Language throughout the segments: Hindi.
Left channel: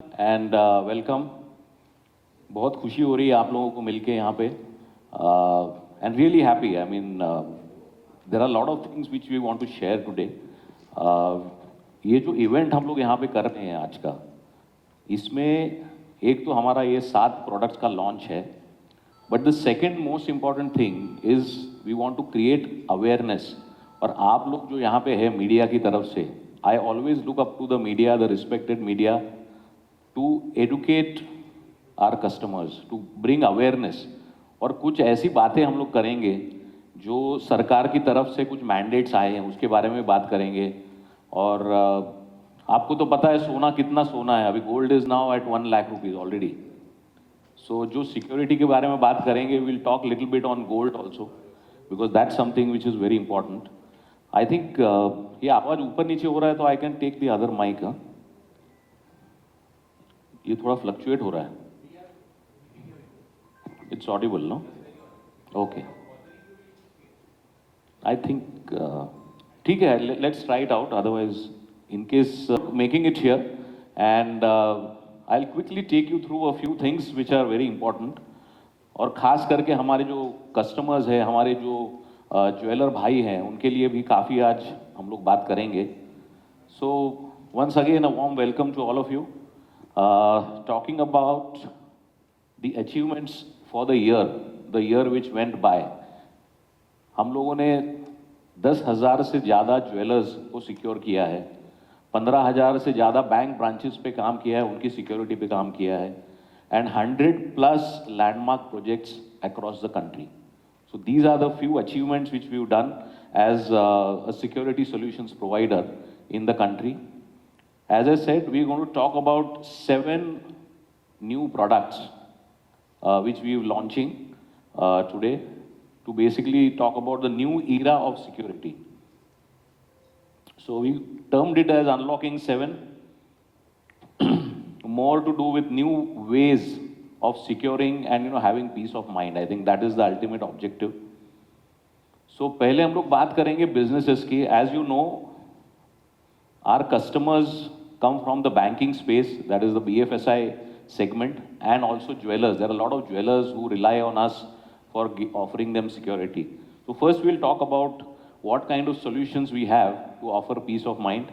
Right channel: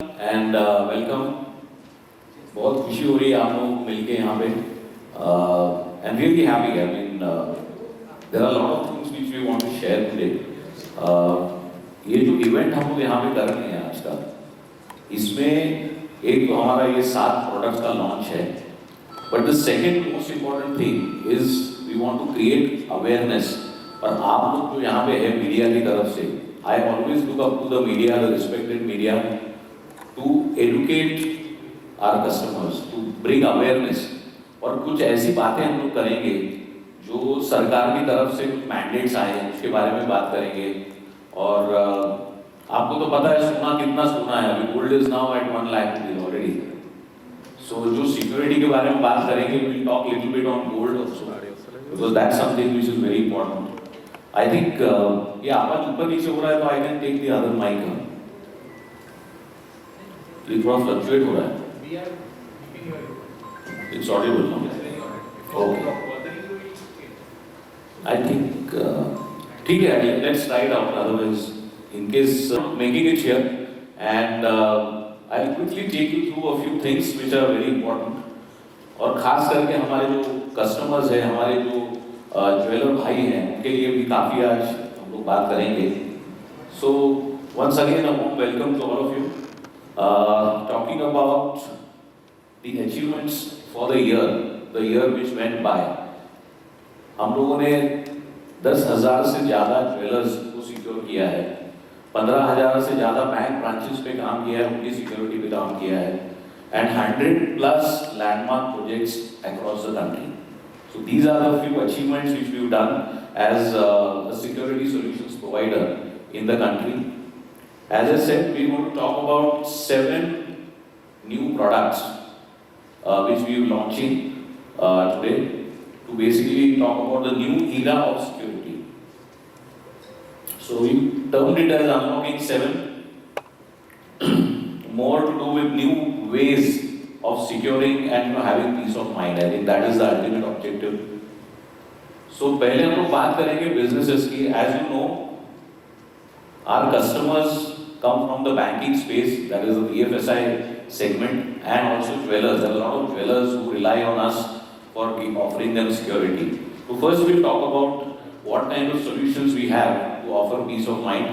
And welcome. बहुत खुशी हो रही है आप लोगों को मिलके यहाँ पे and really happy. I mean there are lot of things which we want to share today. ये जो इवेंट हम लोग यहाँ पे कर रहे हैं आज का, इसमें एक तो हमारा ये 7 प्रोडक्ट्स का लॉन्च है, but the second most important thing is we want to create awareness. और आप लोग जो यहाँ पे है मीडिया की तरफ से, I always look up to the media, the respected media, to educate our customers, to bring awareness। और कुछ ऐसी बातें हम लोग करेंगे जो सरकार की तरफ से कुछ मैंडेट्स आए हैं उसके बारे में बात करेंगे। और आपको तो पता है सोना कितना सोना है अभी, gold is now at 1 lakh rupees already. So जो सिक्योरिटी के बारे में बात करेंगे, will talk little bit on gold also, because that's something which is very important. I think ये आवाज ऊपर नीचे हो रहा है तो I can take the other mic. ये थोड़ा फ्लक्चुएट हो रहा है। It's audible now. Okay, I think ठीक है, let's try it out, otherwise in case making it here and I will quickly take you through a few things which are very important. और खास करके हमारे जो कस्टमर्स हैं, हमारे जो ज्वेलर भाई हैं, उनके लिए भी काफ़ी आज हम लोग बात करेंगे। So once again a warm welcome to all of you. Talking about the achievements for the year which went by, हम लोगों ने 10,000 से ज़्यादा ज्वेलर्स को सिक्योर किया है, 15,000 से ज़्यादा बैंक ब्रांचेस पे काम किया है, उनकी सिक्योरिटी पे काम किया है, and 100+ landmark projects across the country. So these are the few achievements which we've done as a security solutions provider in the country. As I said, we're going to talk about 7 new products which we are launching today to basically talk about the new era of security. So we termed it as Unlocking 7, more to do with new ways of securing and having peace of mind. I think that is the ultimate objective. So पहले हम लोग बात करेंगे businesses की। As you know, our customers come from the banking space, that is the BFSI segment, and also jewelers. There are a lot of jewelers who rely on us for offering them security. So first we'll talk about what kind of solutions we have to offer peace of mind.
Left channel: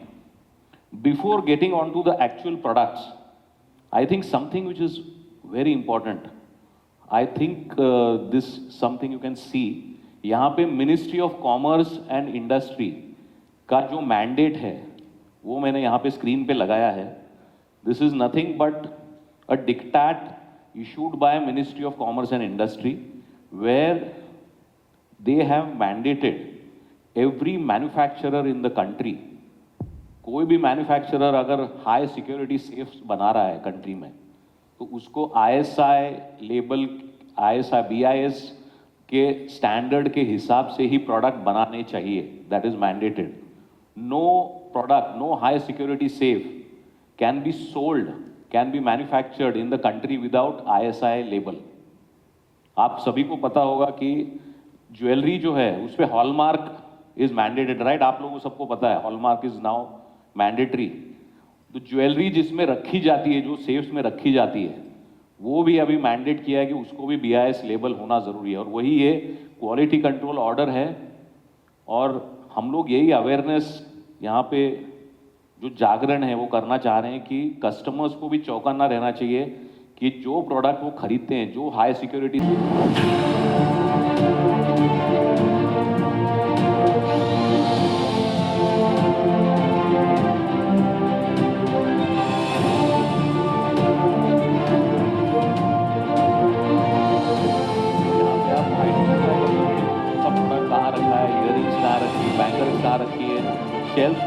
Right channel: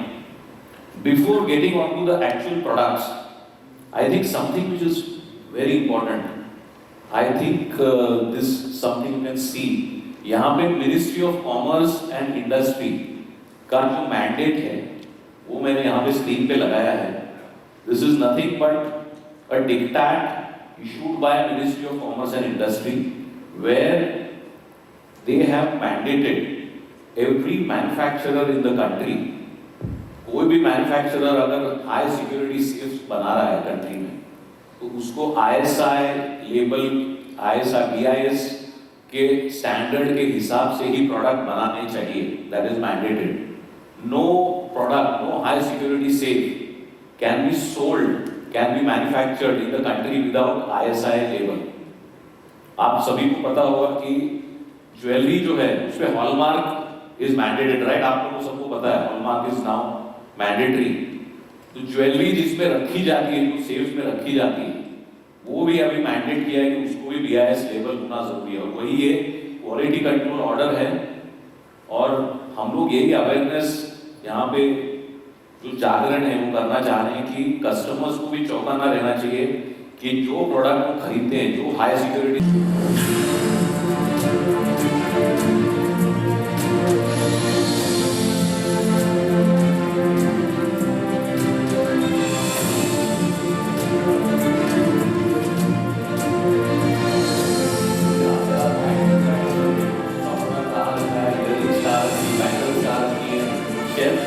Before getting on to the actual products, I think something which is very important, I think this something you can see, यहाँ पे Ministry of Commerce and Industry का जो mandate है वो मैंने यहाँ पे स्क्रीन पे लगाया है। This is nothing but a dictate issued by ministry of commerce and industry, where they have mandated every manufacturer in the country. कोई भी मैन्युफैक्चरर अगर हाई सिक्योरिटी सेफ्स बना रहा है कंट्री में, तो उसको ISI लेबल, ISI BIS के स्टैंडर्ड के हिसाब से ही प्रोडक्ट बनाने चाहिए। That is mandated. No product, no high security safe can be sold, can be manufactured in the country without ISI label। आप सभी को पता होगा कि ज्वेलरी जो है उस पे हॉलमार्क इज मैंडेटेड, राइट? आप लोगों को सबको पता है हॉलमार्क इज नाउ मैंडेटरी। तो ज्वेलरी जिसमें रखी जाती है, जो सेफ्स में रखी जाती है, वो भी अभी मैंडेट किया है कि उसको भी BIS लेबल होना जरूरी है। और वही ये क्वालिटी कंट्रोल ऑर्डर है। और हम लोग यही अवेयरनेस यहाँ पे जो जागरण है वो करना चाह रहे हैं कि कस्टमर्स को भी चौंका ना रहना चाहिए कि जो प्रोडक्ट वो खरीदते हैं, जो हाई सिक्योरिटी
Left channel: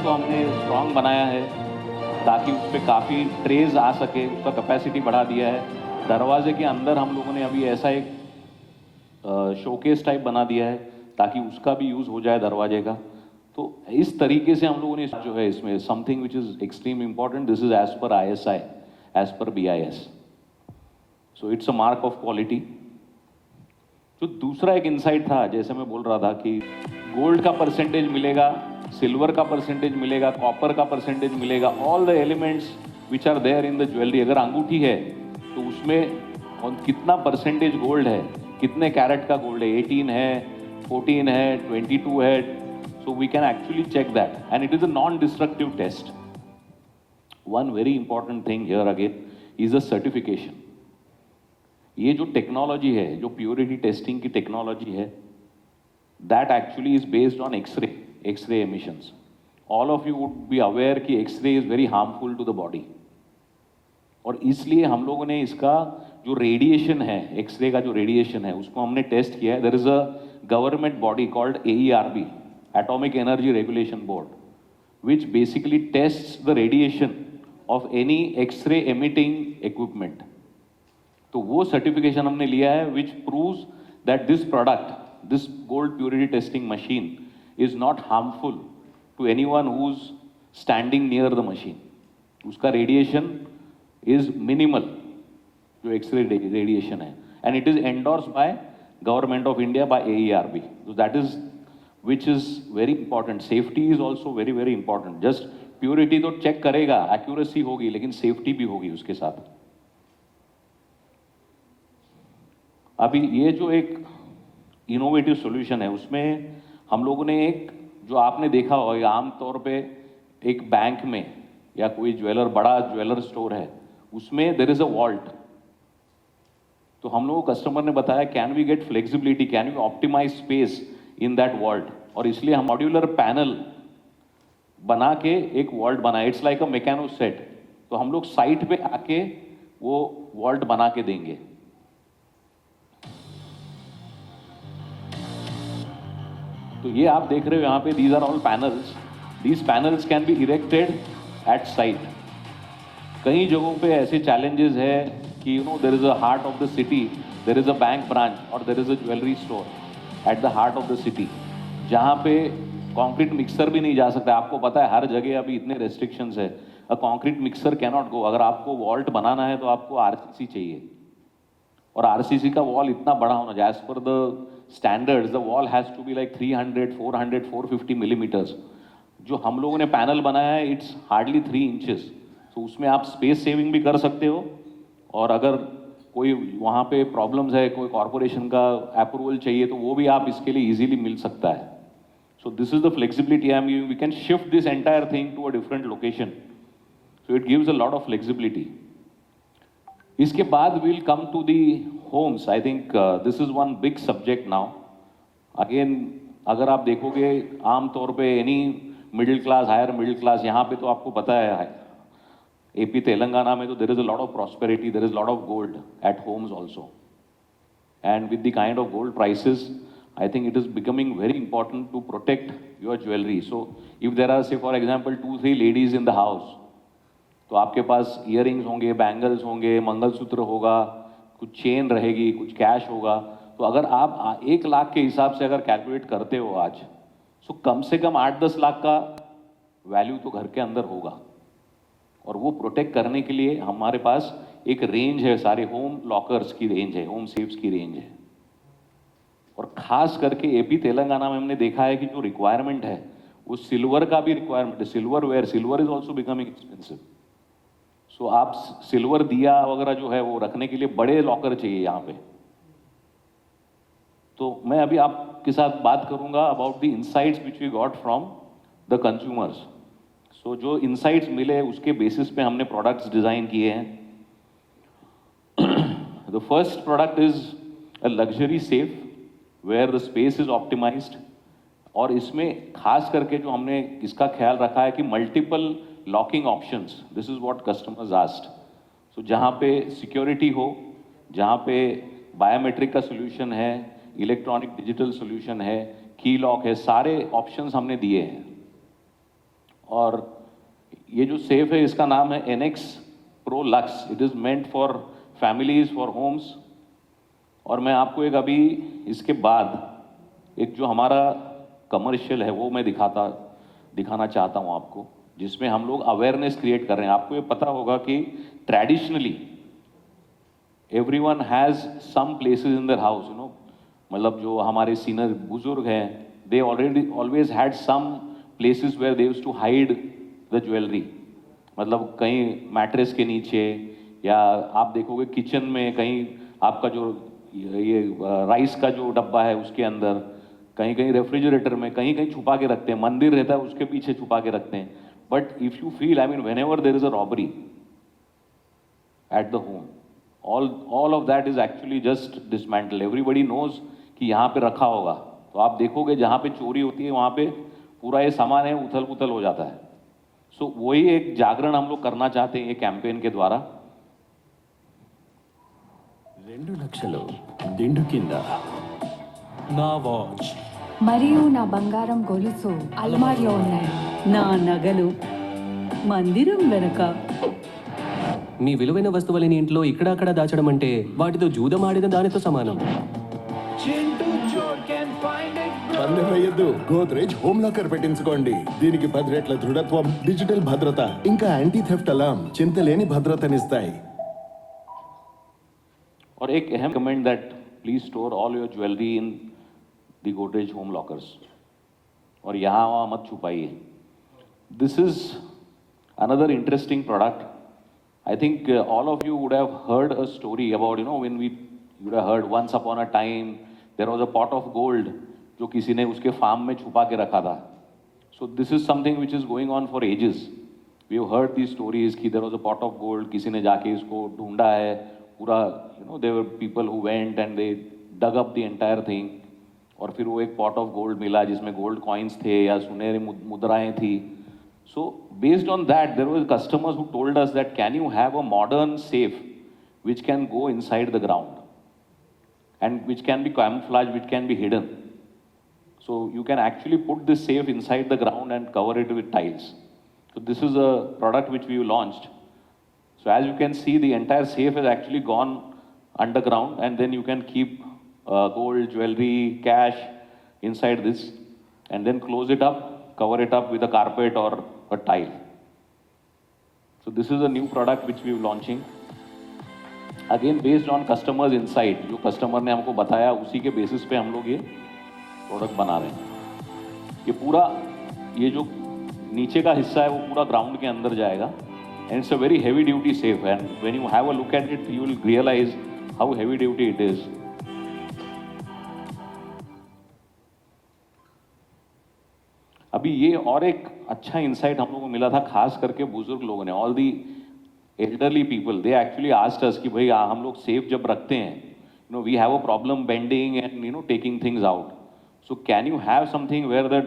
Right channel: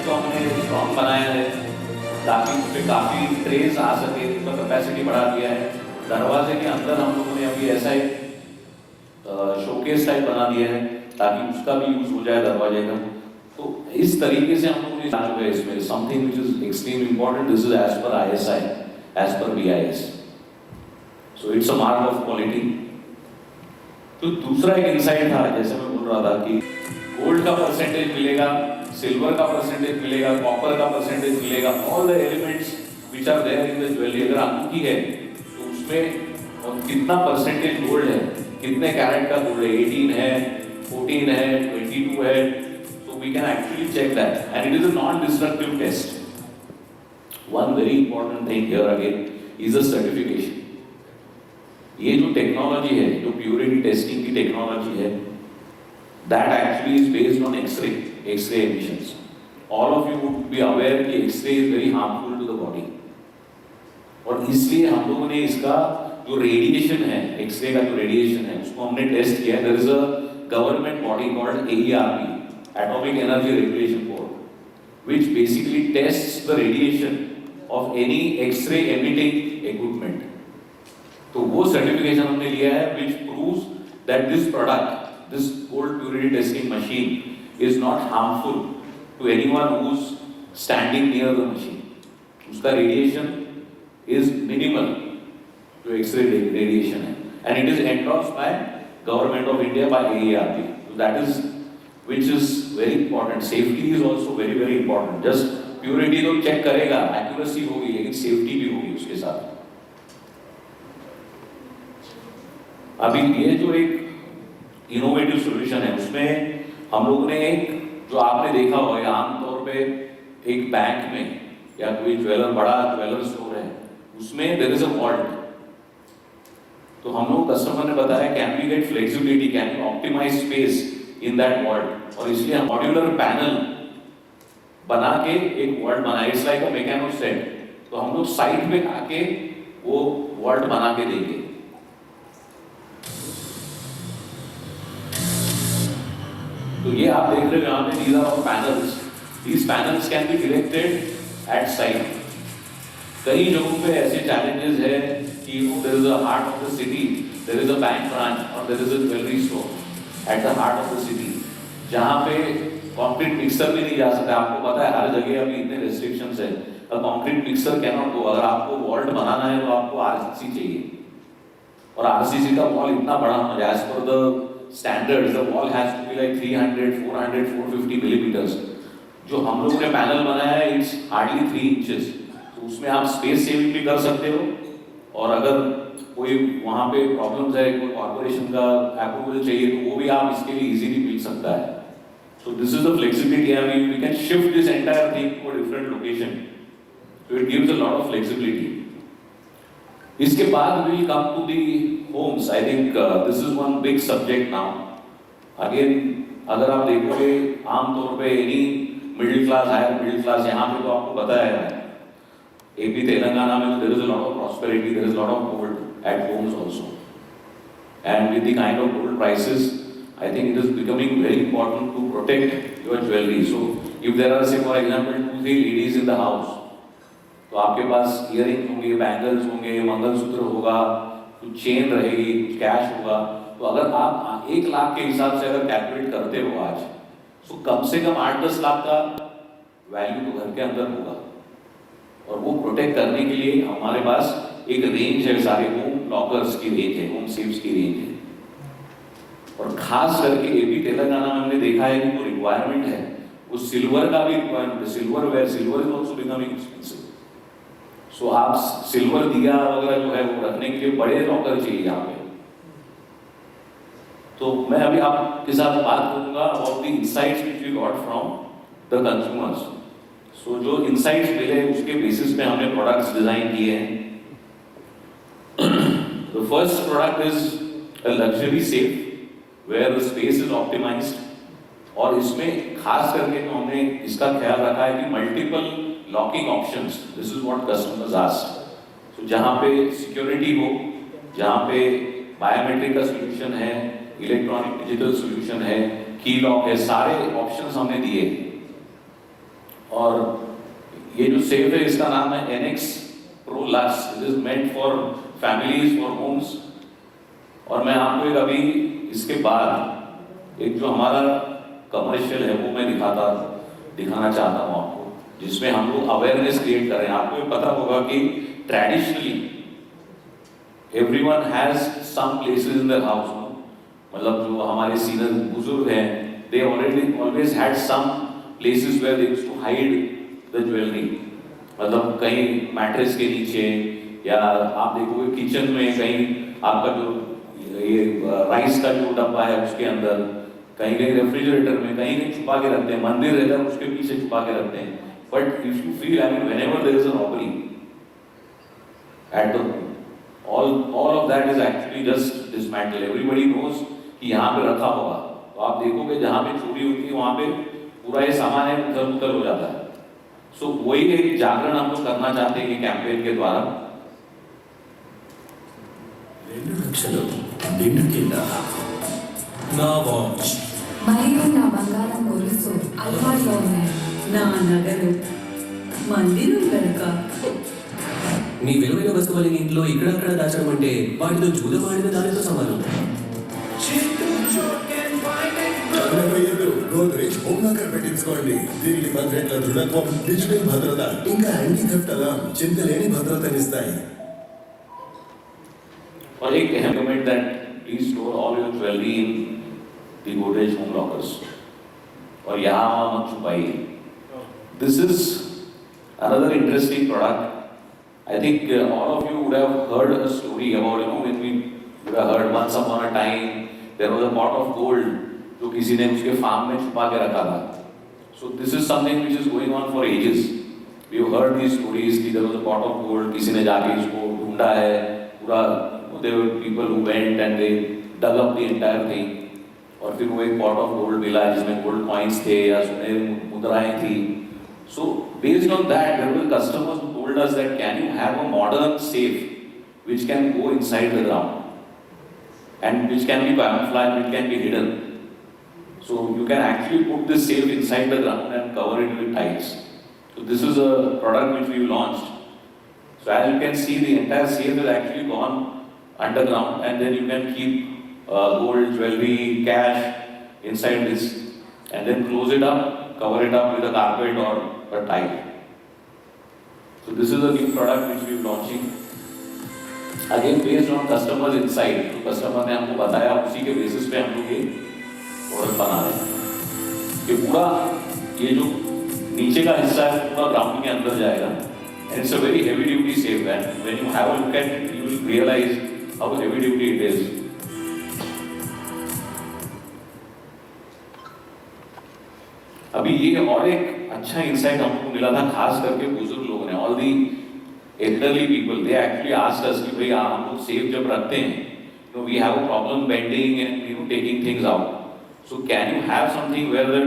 को हमने स्ट्रॉन्ग बनाया है ताकि उस पर काफ़ी ट्रेस आ सके, उसका कैपेसिटी बढ़ा दिया है। दरवाजे के अंदर हम लोगों ने अभी ऐसा एक शोकेस टाइप बना दिया है ताकि उसका भी यूज हो जाए दरवाजे का। तो इस तरीके से हम लोगों ने जो है इसमें something which is extreme important, this is as per ISI, as per BIS, so it's a mark of quality. तो दूसरा एक इंसाइट था, जैसे मैं बोल रहा था कि गोल्ड का परसेंटेज मिलेगा, सिल्वर का परसेंटेज मिलेगा, कॉपर का परसेंटेज मिलेगा, all the elements which are there in the jewellery, अगर अंगूठी है तो उसमें कितना परसेंटेज गोल्ड है, कितने कैरेट का गोल्ड है, 18 है, 14 है, 22 है, so we can actually check that and it is a non-destructive test. One very important thing here again is the certification. ये जो टेक्नोलॉजी है, जो प्योरिटी टेस्टिंग की टेक्नोलॉजी है, that actually is based on X-ray emissions. All of you would be aware कि X-ray is very harmful to the body. और इसलिए हम लोगों ने इसका जो रेडिएशन है, X-ray का जो रेडिएशन है, उसको हमने टेस्ट किया है. There is a government body called AERB, Atomic Energy Regulation Board, which basically tests the radiation of any X-ray emitting equipment. तो वो सर्टिफिकेशन हमने लिया है which proves that this product, this gold purity testing machine is not harmful to anyone who's standing near the machine. उसका radiation is minimal, जो X-ray radiation है, and it is endorsed by Government of India by AERB. So that is which is very important. Safety is also very very important. Just purity तो check करेगा, accuracy होगी, लेकिन safety भी होगी उसके साथ. अभी ये जो एक इनोवेटिव सॉल्यूशन है, उसमें हम लोगों ने जो आपने देखा होगा आमतौर पे एक बैंक में या कोई बड़ा ज्वेलर स्टोर है, उसमें देयर इज अ वॉल्ट. तो हम लोग कस्टमर ने बताया can we get flexibility, can we optimise space in that vault, और इसलिए हम मॉड्यूलर पैनल बना के एक वॉल्ट बनाए. It's like a mechano set. तो हम लोग साइड पे आके वो वॉल्ट बना के देंगे. तो ये आप देख रहे हो यहाँ पे, these are all panels. These panels can be erected at site. कई जगहों पे ऐसे challenges है कि there is a heart of the city, there is a bank branch or there is a jewelry store at the heart of the city, जहाँ पे concrete mixer भी नहीं जा सकता. आपको पता है हर जगह अभी इतने restrictions है. A concrete mixer cannot go. अगर आपको vault बनाना है तो आपको RCC चाहिए, और RCC का wall इतना बड़ा होना चाहिए. As per the standards, the wall has to be like 300, 400, 450 millimeters. जो हम लोगों ने पैनल बनाया है, it's hardly 3 inches. तो उसमें आप स्पेस सेविंग भी कर सकते हो, और अगर कोई वहाँ पे प्रॉब्लम्स है, कोई कॉर्पोरेशन का अप्रूवल चाहिए, तो वो भी आप इसके लिए इजीली मिल सकता है. So this is the flexibility. I mean, we can shift this entire thing to a different location. So it gives a lot of flexibility. इसके बाद we will come to the homes. I think this is one big subject now. Again, अगर आप देखोगे आमतौर पे any middle class, higher middle class, यहाँ पे तो आपको पता है AP तेलंगाना में तो there is a lot of prosperity, there is a lot of gold at homes also. And with the kind of gold prices, I think it is becoming very important to protect your jewelry. So if there are, say for example, 2-3 ladies in the house, तो आपके पास इयरिंग्स होंगे, बैंगल्स होंगे, मंगलसूत्र होगा, कुछ चेन रहेगी, कुछ कैश होगा. तो अगर आप 1 लाख के हिसाब से अगर कैलकुलेट करते हो आज, तो कम से कम 8-10 लाख का वैल्यू तो घर के अंदर होगा. और वो प्रोटेक्ट करने के लिए हमारे पास एक रेंज है, सारे होम लॉकर्स की रेंज है, होम सेफ्स की रेंज है. और खास करके AP तेलंगाना में हमने देखा है कि जो रिक्वायरमेंट है वो सिल्वर का भी रिक्वायरमेंट है. Silver is also becoming expensive. So आप सिल्वर दिया वगैरह जो है वो रखने के लिए बड़े लॉकर चाहिए यहाँ पे. तो मैं अभी आपके साथ बात करूंगा about the insights which we got from the consumers. So जो इनसाइट्स मिले उसके बेसिस पे हमने प्रोडक्ट्स डिजाइन किए हैं. The first product is a luxury safe where the space is optimised. और इसमें खास करके तो हमने इसका ख्याल रखा है कि multiple locking options. This is what customers asked. So जहाँ पे सिक्योरिटी हो, जहाँ पे बायोमेट्रिक का सोल्यूशन है, इलेक्ट्रॉनिक डिजिटल सोल्यूशन है, की लॉक है, सारे ऑप्शंस हमने दिए. और ये जो सेफ है इसका नाम है NX Pro Lux. It is meant for families, for homes. और मैं आपको एक अभी इसके बाद एक जो हमारा कमर्शियल है वो मैं दिखाना चाहता हूँ आपको, जिसमें हम लोग अवेयरनेस क्रिएट कर रहे हैं. आपको ये पता होगा कि traditionally everyone has some places in their house. मतलब जो हमारे सीनियर बुजुर्ग हैं, they always had some places where they used to hide the jewelry. मतलब कहीं मैट्रेस के नीचे, या आप देखोगे किचन में कहीं आपका जो ये राइस का जो डब्बा है उसके अंदर, कहीं कहीं रेफ्रिजरेटर में, कहीं कहीं छुपा के रखते हैं, मंदिर रहता है उसके पीछे छुपा के रखते हैं. But if you feel, I mean, when ever there is a robbery at the home, all of that is actually just dismantled. Everybody knows कि यहाँ पे रखा होगा. तो आप देखोगे जहाँ पे चोरी होती है वहाँ पे पूरा ये सामान है उथल पुथल हो जाता है. सो वही एक जागरण हम लोग करना चाहते हैं कैंपेन के द्वारा. 2 లక్షలు దిండు కింద నా వాచ్ మరియు నా బంగారం గొలుసు అల్మారిలో ఉన్నాయి. నా నగలు మందిరం వెనక. నీ విలువైన వస్తువులని ఇంట్లో ఇక్కడక్కడ దాచడం అంటే వాటితో జూదం ఆడిన దానితో సమానం. గోద్రేజ్ హోమ్ లాకర్ పెట్టించుకోండి. దీనికి 10 రెట్ల దృఢత్వం, డిజిటల్ భద్రత, ఇంకా యాంటీ థెఫ్ట్ అలార్మ్ చింతలేని భద్రతనిస్తాయి. और एक अहम comment that please store all your jewellery in the Godrej home lockers. और यहाँ वहाँ मत छुपाइए. This is another interesting product. I think all of you would have heard a story about, when we would have heard once upon a time there was a pot of gold जो किसी ने उसके फार्म में छुपा के रखा था. So this is something which is going on for ages. We have heard these stories कि there was a pot of gold, किसी ने जाके इसको ढूंढा है पूरा. There were people who went and they dug up the entire thing. और फिर वो एक pot of gold मिला जिसमें gold coins थे या सुनहरी मुद्राएं थी. So based on that, there were customers who told us that can you have a modern safe which can go inside the ground and which can be camouflaged, which can be hidden. So you can actually put this safe inside the ground and cover it with tiles. So this is a product which we launched. So as you can see, the entire safe is actually gone underground, and then you can keep gold, jewelry, cash inside this, and then close it up, cover it up with a carpet or a tile. So this is a new product which we are launching. Again based on customers' insight. तो कस्टमर ने हमको बताया, उसी के बेसिस पे हम लोग ये प्रोडक्ट बना रहे हैं. ये पूरा ये जो नीचे का हिस्सा है वो पूरा ग्राउंड के अंदर जाएगा. And it's a very heavy duty safe. And when you have a look at it, you will realize how heavy duty it is. अभी ये और एक अच्छा इंसाइट हमको मिला था, खास करके बुजुर्ग लोगों ने, all the elderly people, they actually asked us कि भाई हम लोग सेफ जब रखते हैं, we have a problem bending and taking things out. So can you have something where that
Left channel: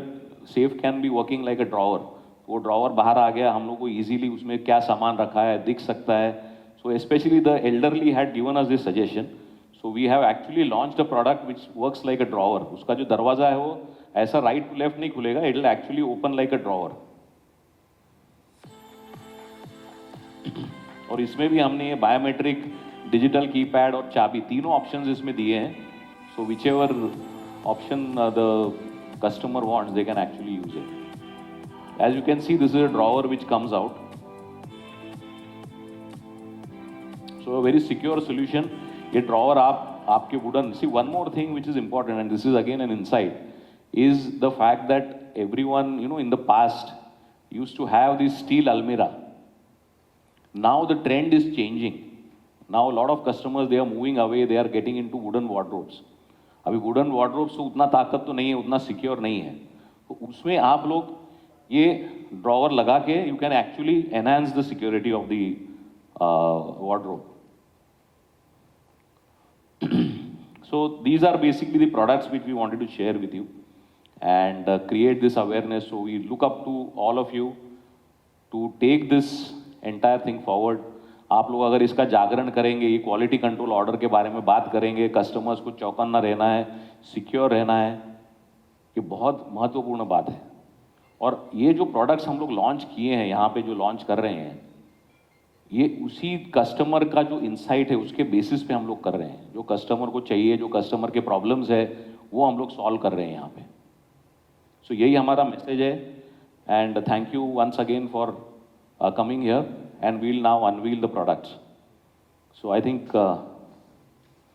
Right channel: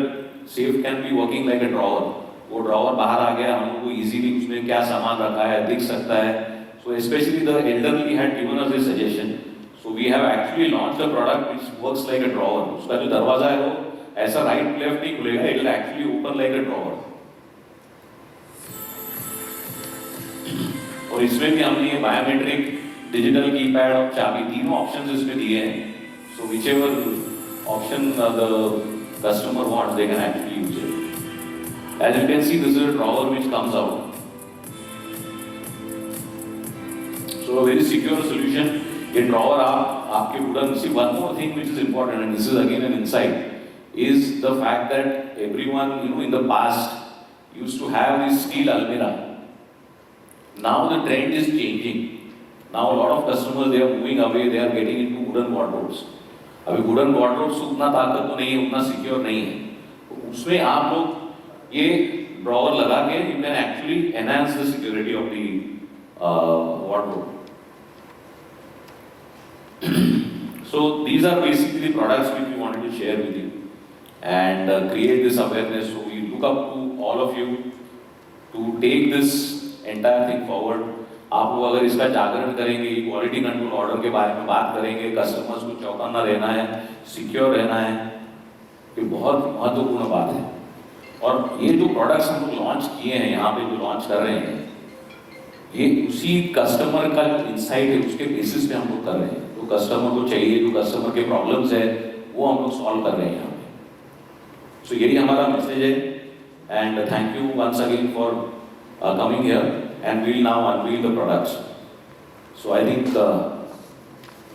safe can be working like a drawer. वो ड्रॉवर बाहर आ गया, हम लोग को इजीली उसमें क्या सामान रखा है दिख सकता है. So specially the elderly had given us this suggestion. So we have actually launched a product which works like a drawer. उसका जो दरवाजा है वो ऐसा राइट लेफ्ट नहीं खुलेगा, it will actually open like a drawer. और इसमें भी हमने ये बायोमेट्रिक, डिजिटल कीपैड और चाबी तीनों ऑप्शंस इसमें दिए हैं. So whichever option the customer wants they can actually use it. As you can see, this is a drawer which comes out. So a very secure solution. ये drawer आपके wooden. See, one more thing which is important, and this is again an insight, is the fact that everyone, in the past used to have this steel almirah. Now the trend is changing. Now a lot of customers, they are moving away. They are getting into wooden wardrobes. अभी wooden wardrobes उतना ताकत तो नहीं है, उतना secure नहीं है. तो उसमें आप लोग ये ड्रॉवर लगा के you can actually enhance the security of the wardrobe. So these are basically the products which we wanted to share with you and create this awareness. So we look up to all of you to take this entire thing forward. आप लोग अगर इसका जागरण करेंगे, क्वालिटी कंट्रोल ऑर्डर के बारे में बात करेंगे, कस्टमर्स को चौकन्ना रहना है, सिक्योर रहना है, ये बहुत महत्वपूर्ण बात है. और ये जो प्रोडक्ट्स हम लोग लॉन्च किए हैं, यहाँ पे जो लॉन्च कर रहे हैं, ये उसी कस्टमर का जो इंसाइट है उसके बेसिस पे हम लोग कर रहे हैं. जो कस्टमर को चाहिए, जो कस्टमर के प्रॉब्लम्स है, वो हम लोग सॉल्व कर रहे हैं यहाँ पे. सो यही हमारा मैसेज है. And thank you once again for coming here, and we will now unveil the products. So I think